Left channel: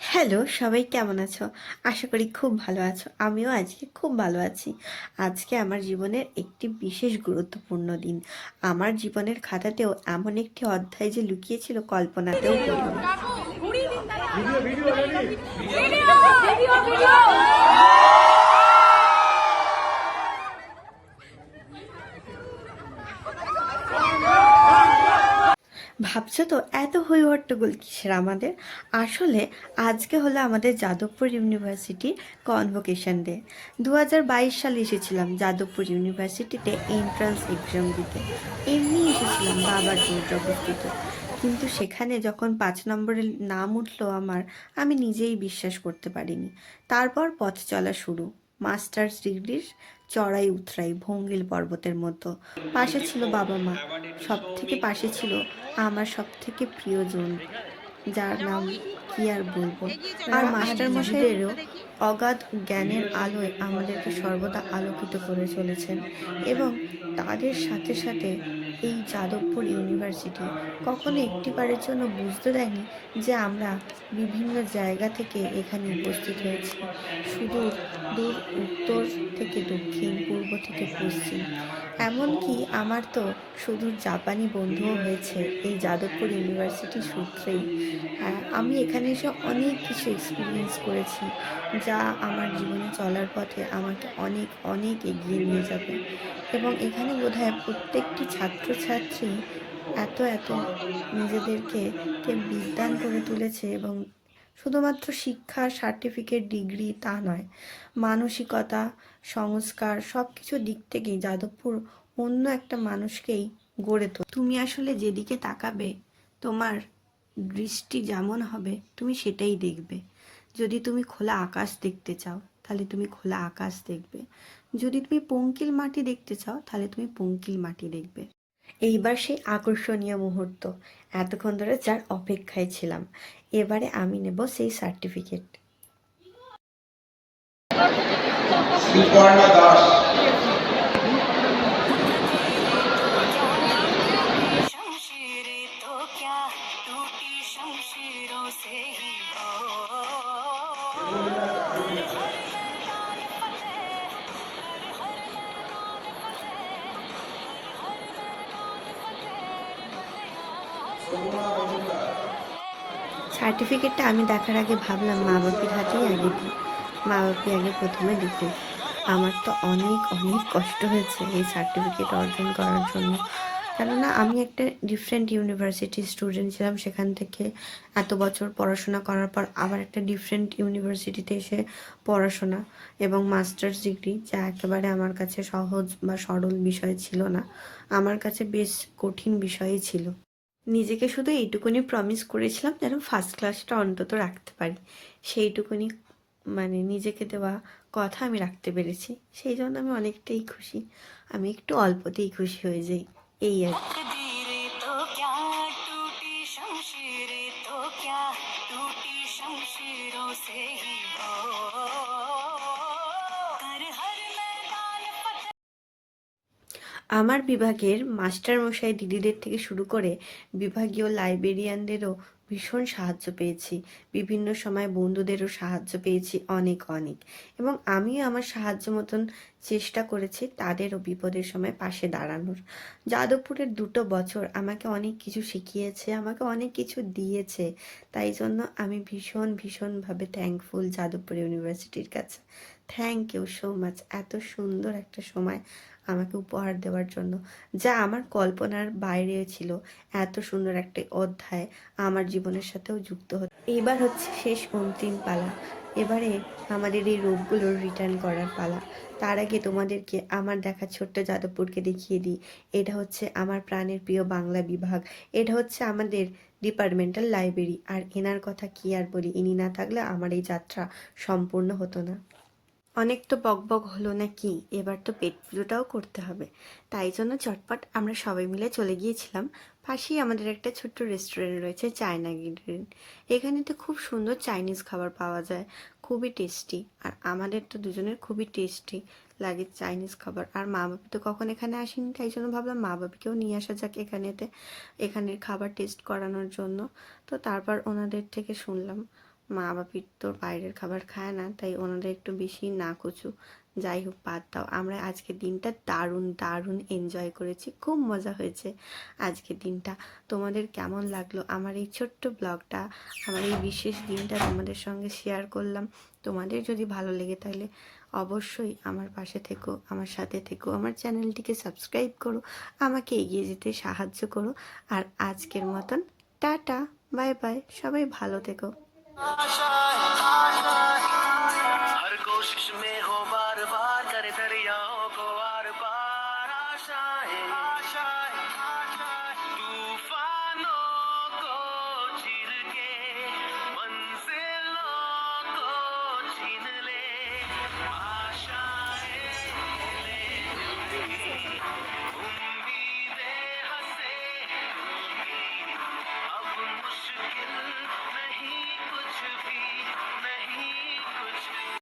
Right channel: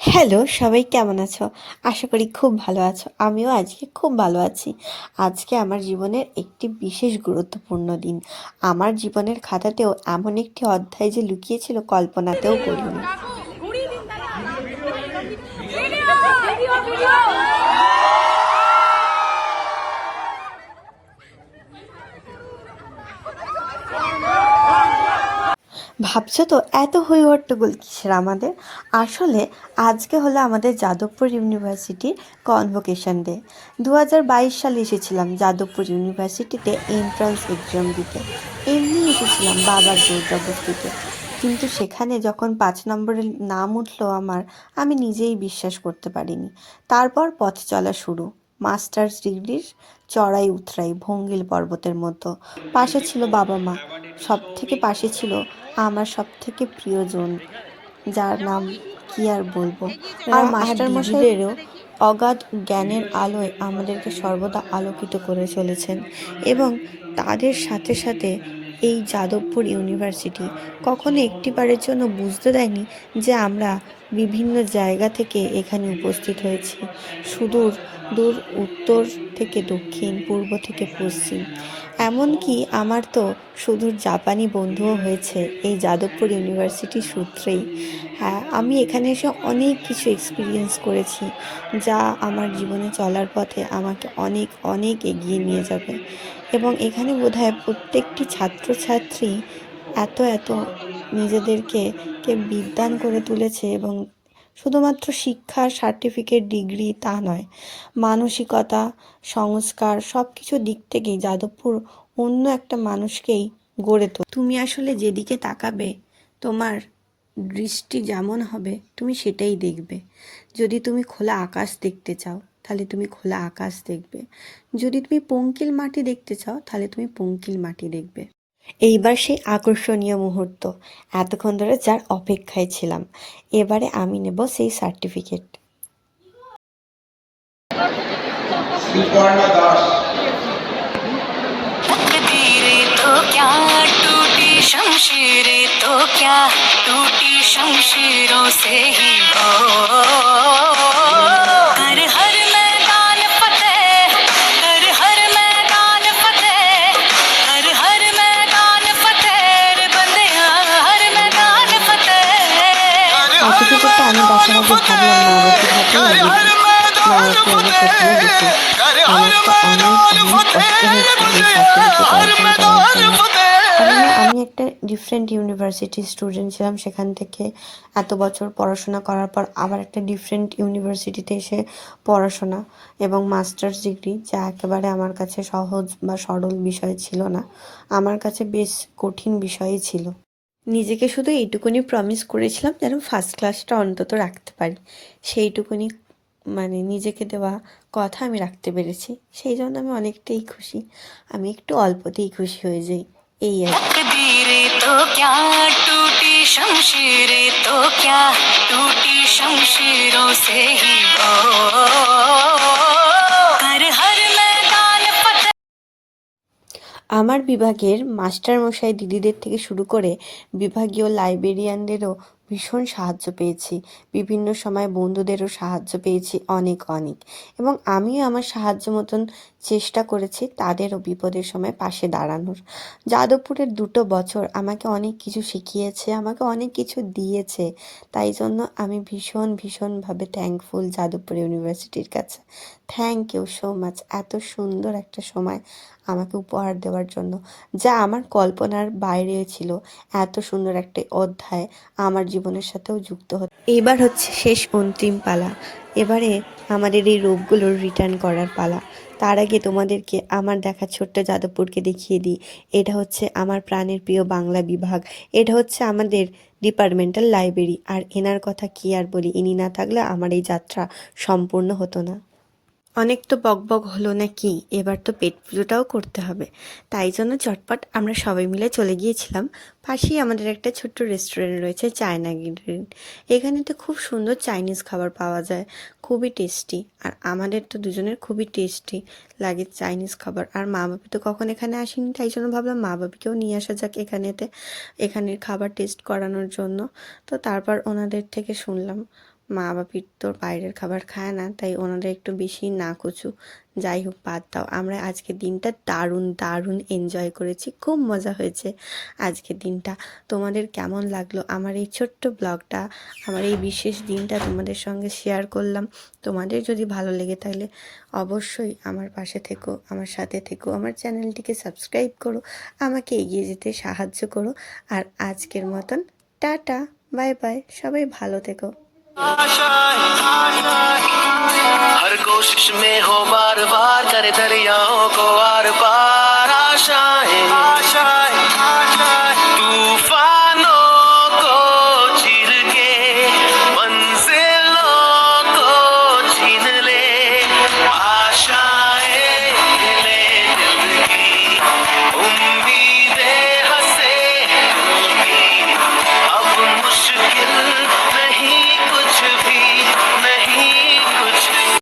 Hello, সবাই কেমন আছো? আশা করি খুব ভালো আছো। আমিও আজকে খুব ভালো আছি। আজকে আমার জীবনের একটি বিশেষ গুরুত্বপূর্ণ দিন। আমার জীবনের খাতাতেও এমন একটি অধ্যায় যে লুকিয়েছিল কল্পনাতেও করিনি। ভাবছো তো এত হই হট্টগোল কিসের আমাদের? আসলে আজকে হলো আমাদের যাদবপুর ইউনিভার্সিটি কনভোকেশন ডে। 2022 সালে এসেছিলাম যাদবপুর ইউনিভার্সিটিতে এন্ট্রান্স এক্সাম দিতে। এমনি এসেছিলাম বাবার জোর জবরদস্তিতে। কিন্তু সেখানে যখন 5 নম্বরের নাম উঠলো আমার, আমি নিজেই বিশ্বাস করতে পারিনি। তারপর পথ চলা শুরু। মাস্টার্স ডিগ্রির চড়াই উতরাই ভঙ্গিল পর্বতের মতো। পাশে ছিল বাবা মা, সব থেকে পাশে ছিল আমার সবথেকে প্রিয়জন, যার নাম কি আর বলবো। আর মাস্টার মশাইদেরও অগাধ জ্ঞানের আলোয় আমাদেরকে সর্বদা আলোকিত করে চলেছেন। এবং তাদের সাথে সাথে এই যাদবপুর ইউনিভার্সিটি কখনো একটিবারের জন্য বুঝতে দেয়নি যে আমরা বিভিন্ন জায়গা থেকে এখানে উপস্থিত হয়েছি। সুদূর দূর উত্তর থেকে দক্ষিণ, পূর্ব থেকে পশ্চিম, এমনকি আমার তো সুদূর জাপানি বন্ধুও হয়েছে এই যাদবপুর ইউনিভার্সিটি সূত্রেই। হ্যাঁ, আমি এখানে এসে অনেক কিছু এক্সপিরিয়েন্স করেছি, যা আমার জীবনে চলার পথে আমাকে অনেক অনেক এগিয়ে নিয়ে যাবে। এবং এখানে বোধহয় প্রত্যেকটি ছাত্রছাত্রী এত এত নিজেদেরকে বিদ্বান করে তুলেছে। এবং শুধুমাত্র শিক্ষা, সার্টিফিকেট, ডিগ্রি তা নয়, মানসিকতা, সংস্কার সব কিছু দিক থেকেই যাদবপুর অন্য একটা মানুষকেই গড়ে তোলে। তুমি আসলে যেদিকে তাকাবে, তোমার দৃষ্টি যেমন হবে তুমি সেটাই দেখবে। যদি তুমি খোলা আকাশ দেখতে চাও তাহলে তুমি খোলা আকাশ দেখবে, যদি তুমি পঙ্কিল মাটি দেখতে চাও তাহলে তুমি পঙ্কিল মাটি দেখবে। এইবার সেই আকর্ষণীয় মুহূর্ত, এতক্ষণ ধরে যার অপেক্ষায় ছিলাম। এবারে আমি নেব সেই সার্টিফিকেট। शमशीरें तो क्या टूटी शमशीरों से ही हो, कर हर मैदान फतेह, कर हर मैदान फतेह, कर हर मैदान फतेह रे बंदिया, हर मैदान फतेह। সার্টিফিকেটটা আমি দেখার আগে ভাবলাম মা বাপির হাতেই আগে দিই। মা বাপি আগে প্রথমে দেখুক। আমার তো অনেক অনেক কষ্ট হয়েছে এই সার্টিফিকেট অর্জন করার জন্য। কেননা আমি একটা ডিফারেন্ট ইউনিভার্সিটি স্টুডেন্ট ছিলাম, সেখান থেকে এত বছর পড়াশোনা করার পর আবার একটা ডিফারেন্ট ইউনিভার্সিটিতে এসে পড়াশোনা এবং মাস্টার্স ডিগ্রি, যা একেবারে আমার কাছে সহজ বা সরল বিষয় ছিল না, আমার কাছে বেশ কঠিন বিষয়ই ছিল। নিজেকে শুধু এইটুকুনি প্রমিস করেছিলাম যেন ফার্স্ট ক্লাসটা অন্তত রাখতে পারি। সেইটুকুনি নিজেকে দেওয়া কথা আমি রাখতে পেরেছি, সেই জন্য আমি অনেকটাই খুশি। আমি একটু অল্পতেই খুশি হয়ে যাই, এই আর কি। तो क्या टूटी शमशीरें तो क्या टूटी शमशीरों से ही हो, कर हर मैदान फतेह। আমার বিভাগের মাস্টারমশাই দিদিদের থেকে শুরু করে বিভাগীয় লাইব্রেরিয়ানদেরও ভীষণ সাহায্য পেয়েছি। বিভিন্ন সময় বন্ধুদেরও সাহায্য পেয়েছি অনেক অনেক। এবং আমিও আমার সাহায্য মতন চেষ্টা করেছি তাদেরও বিপদের সময় পাশে দাঁড়ানোর। যাদবপুরের 2 বছর আমাকে অনেক কিছু শিখিয়েছে, আমাকে অনেক কিছু দিয়েছে। তাই জন্য আমি ভীষণ ভীষণভাবে থ্যাঙ্কফুল যাদবপুর ইউনিভার্সিটির কাছে। থ্যাংক ইউ সো মাচ, এত সুন্দর একটা সময় আমাকে উপহার দেওয়ার জন্য, যা আমার কল্পনার বাইরে ছিল। এত সুন্দর একটা অধ্যায় আমার জীবনের সাথেও যুক্ত হতো। এবার হচ্ছে শেষ অন্তিম পালা। এবারে আমাদের এই রোগগুলোর রিটার্ন করার পালা। তার আগে তোমাদেরকে আমার দেখা ছোট্ট যাদবপুরকে দেখিয়ে দিই। এটা হচ্ছে আমার প্রাণের প্রিয় বাংলা বিভাগ। এটা হচ্ছে আমাদের ডিপার্টমেন্টাল লাইব্রেরি। আর এনার কথা কি আর বলি, ইনি না থাকলে আমার এই যাত্রা সম্পূর্ণ হতো না। অনেক তো বকবক হলো না কি, এবার তো পেট পুজোটাও করতে হবে। তাই জন্য চটপট আমরা সবাই মিলে চলে গিয়েছিলাম। পাশেই আমাদের একটা ছোট্ট রেস্টুরেন্ট রয়েছে, চায়না গার্ডেন। এখানে তো খুব সুন্দর চাইনিজ খাবার পাওয়া যায়, খুবই টেস্টি। আর আমাদের তো দুজনের খুবই টেস্টি লাগে চাইনিজ খাবার। আর মা বাপি তো কখন এখানে আসেনি, তাই জন্য ভাবলাম মা বাপিকেও নিয়ে আসা যাক এখানেতে, এখানের খাবার টেস্ট করানোর জন্য। তো তারপর ওনাদের থেকে শুনলাম মা বাপির তো বাইরের খাবার খায় না, তাই ওনাদের একটু বেশি না কচু। যাই হোক, বাদ দাও। আমরা আজকের দিনটা দারুণ দারুণ এনজয় করেছি, খুব মজা হয়েছে আজকের দিনটা। তোমাদের কেমন লাগলো আমার এই ছোট্ট ব্লগটা, আমার এই বিশেষ দিনটা তোমাদের সঙ্গে শেয়ার করলাম? তোমাদের যদি ভালো লেগে তাহলে অবশ্যই আমার পাশে থেকো, আমার সাথে থেকো, আমার চ্যানেলটিকে সাবস্ক্রাইব করো, আমাকে এগিয়ে যেতে সাহায্য করো। আর আজকের মতন টাটা, বাই বাই, সবাই ভালো থেকো। हर कोशिश में हो बार बार करे दरियाओं को आर पार आशाएं